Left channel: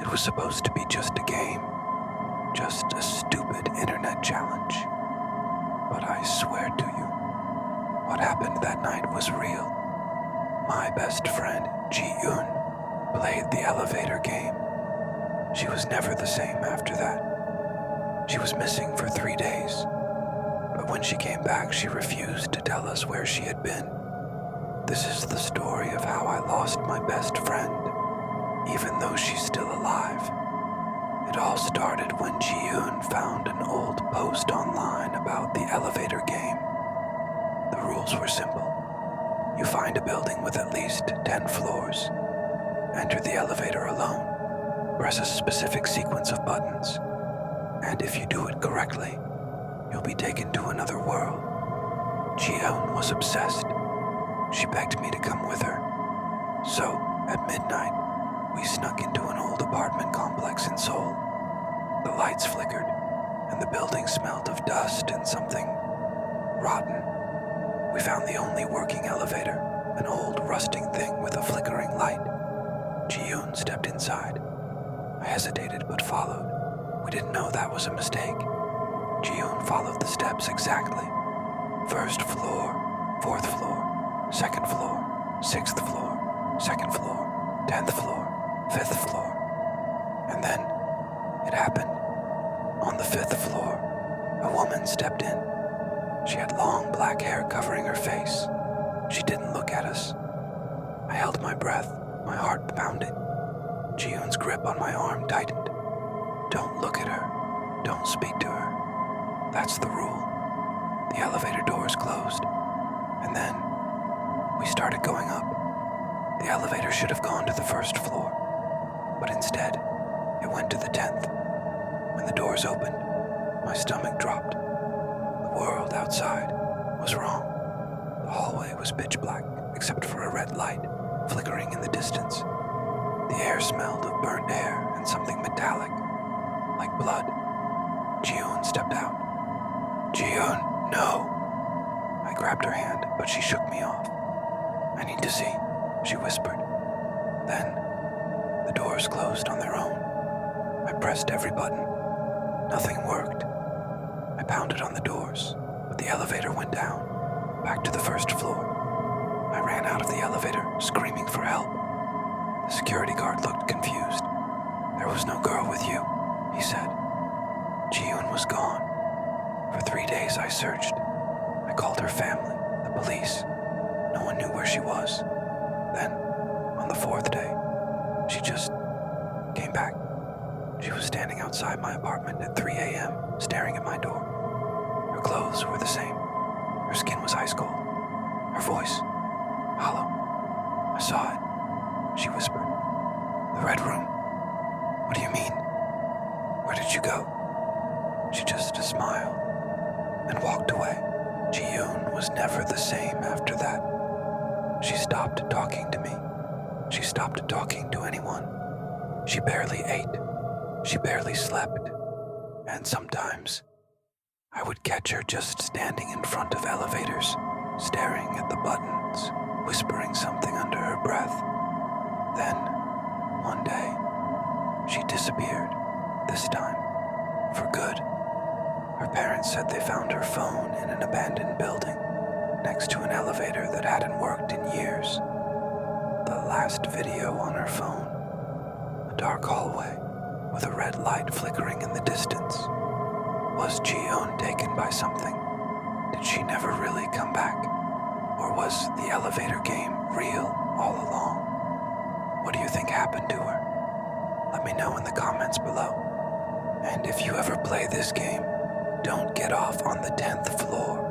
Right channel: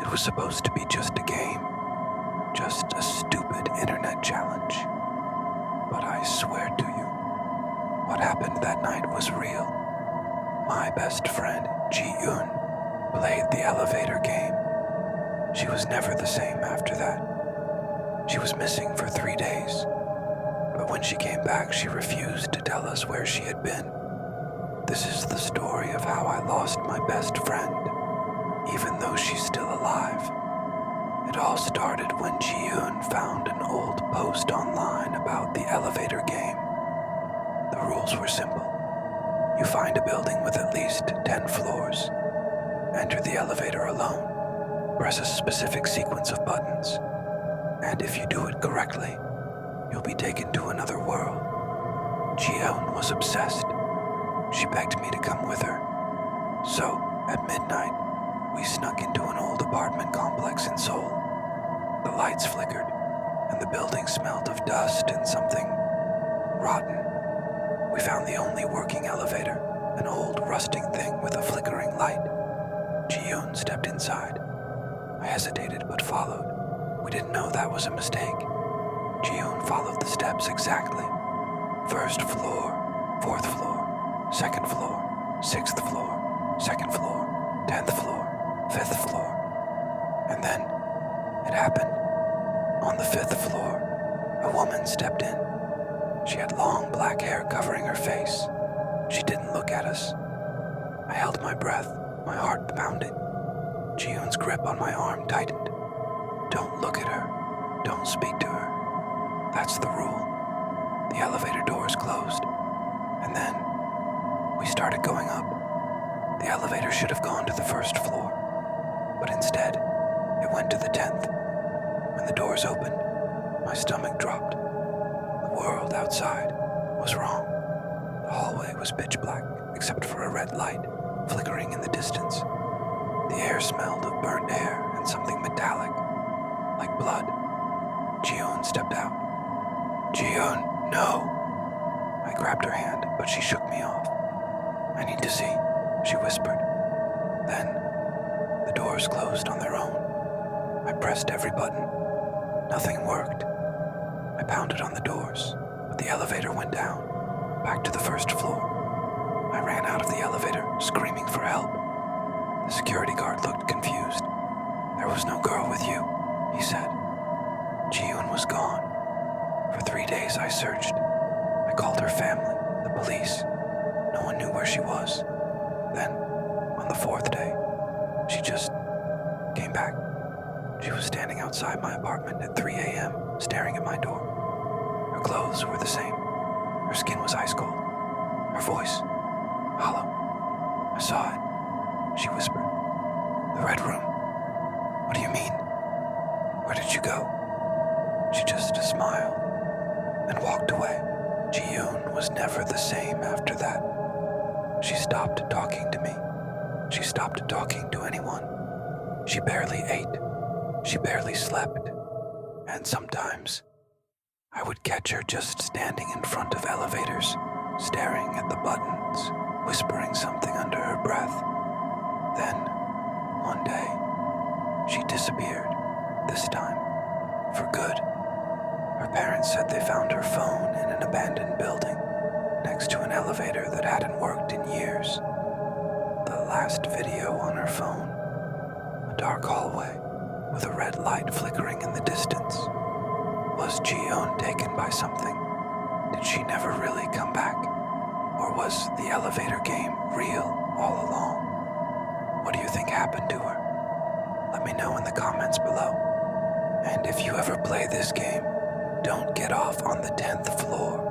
It was supposed to be just a game, just a stupid internet challenge. But I swear to you, what happened that night was real. My best friend, Ji-Yoon, played the elevator game. She was never the same after that. She was missing for 3 days, but when she came back, she refused to tell us where she had been. This is the story of how I lost my best friend, even though she's still alive. It all started when Ji-Yoon found an old post online about the elevator game. The rules were simple. You find a building with at least 10 floors. Enter the elevator alone. Press a specific sequence of buttons. And if you do it correctly, you'll be taken to another world. Ji-Yoon was obsessed. She begged me to come with her. So, at midnight, we snuck into an old apartment complex in Seoul. The lights flickered, and the building smelled of dust and something rotten. We found the only working elevator, an old rusting thing with a flickering light. Ji-Yoon stepped inside. I hesitated but followed. We didn't know that was a mistake. Ji-Yoon followed the steps exactly. First floor, fourth floor, second floor, sixth floor, second floor, 10th floor, fifth floor. And then it happened. On the 5th floor, a woman stepped in. She had long black hair covering her face. She didn't look at us. I held my breath, my heart pounding. Ji-Yoon's grip on my arm tightened. Don't look at her. Don't speak to her. That's the rule. The elevator doors closed. And then we started going up. The elevator should have gone to the 1st floor, but instead, it went to the 10th. When the doors opened, my stomach dropped. The world outside was wrong. The hallway was pitch black, except for a red light flickering in the distance. The air smelled of burnt hair and something metallic, like blood. Ji-Yoon stepped out. Ji-Yoon, no! I grabbed her hand, but she shook me off. I need to see, she whispered. Then, the doors closed on their own. I pressed every button. Nothing worked. I pounded on the doors, but the elevator went down, back to the 1st floor. I ran out of the elevator, screaming for help. The security guard looked confused. There was no girl with you, he said. Ji-Yoon was gone. For 3 days I searched. I called her family, the police. No one knew where she was. Then, on the 4th day, she just came back. She was standing outside my apartment at 3 a.m., staring at my door. Her clothes were the same. Her skin was ice cold. Her voice, hollow. I saw it, she whispered. The red room. What do you mean? Where did you go? She just smiled and walked away. Ji-Yoon was never the same after that. She stopped talking to me. She stopped talking to anyone. She barely ate. She barely slept. And sometimes, I would catch her just standing in front of elevators, staring at the buttons, whispering something under her breath. Then, one day, she disappeared, this time, for good. Her parents said they found her phone in an abandoned building, next to an elevator that hadn't worked in years. The last video on her phone, a dark hallway with a red light flickering in the distance. Was Ji-Yoon taken by something? Did she never really come back? Or was the elevator game real all along? What do you think happened to her? Let me know in the comments below. And if you ever play this game, don't get off on the 10th floor.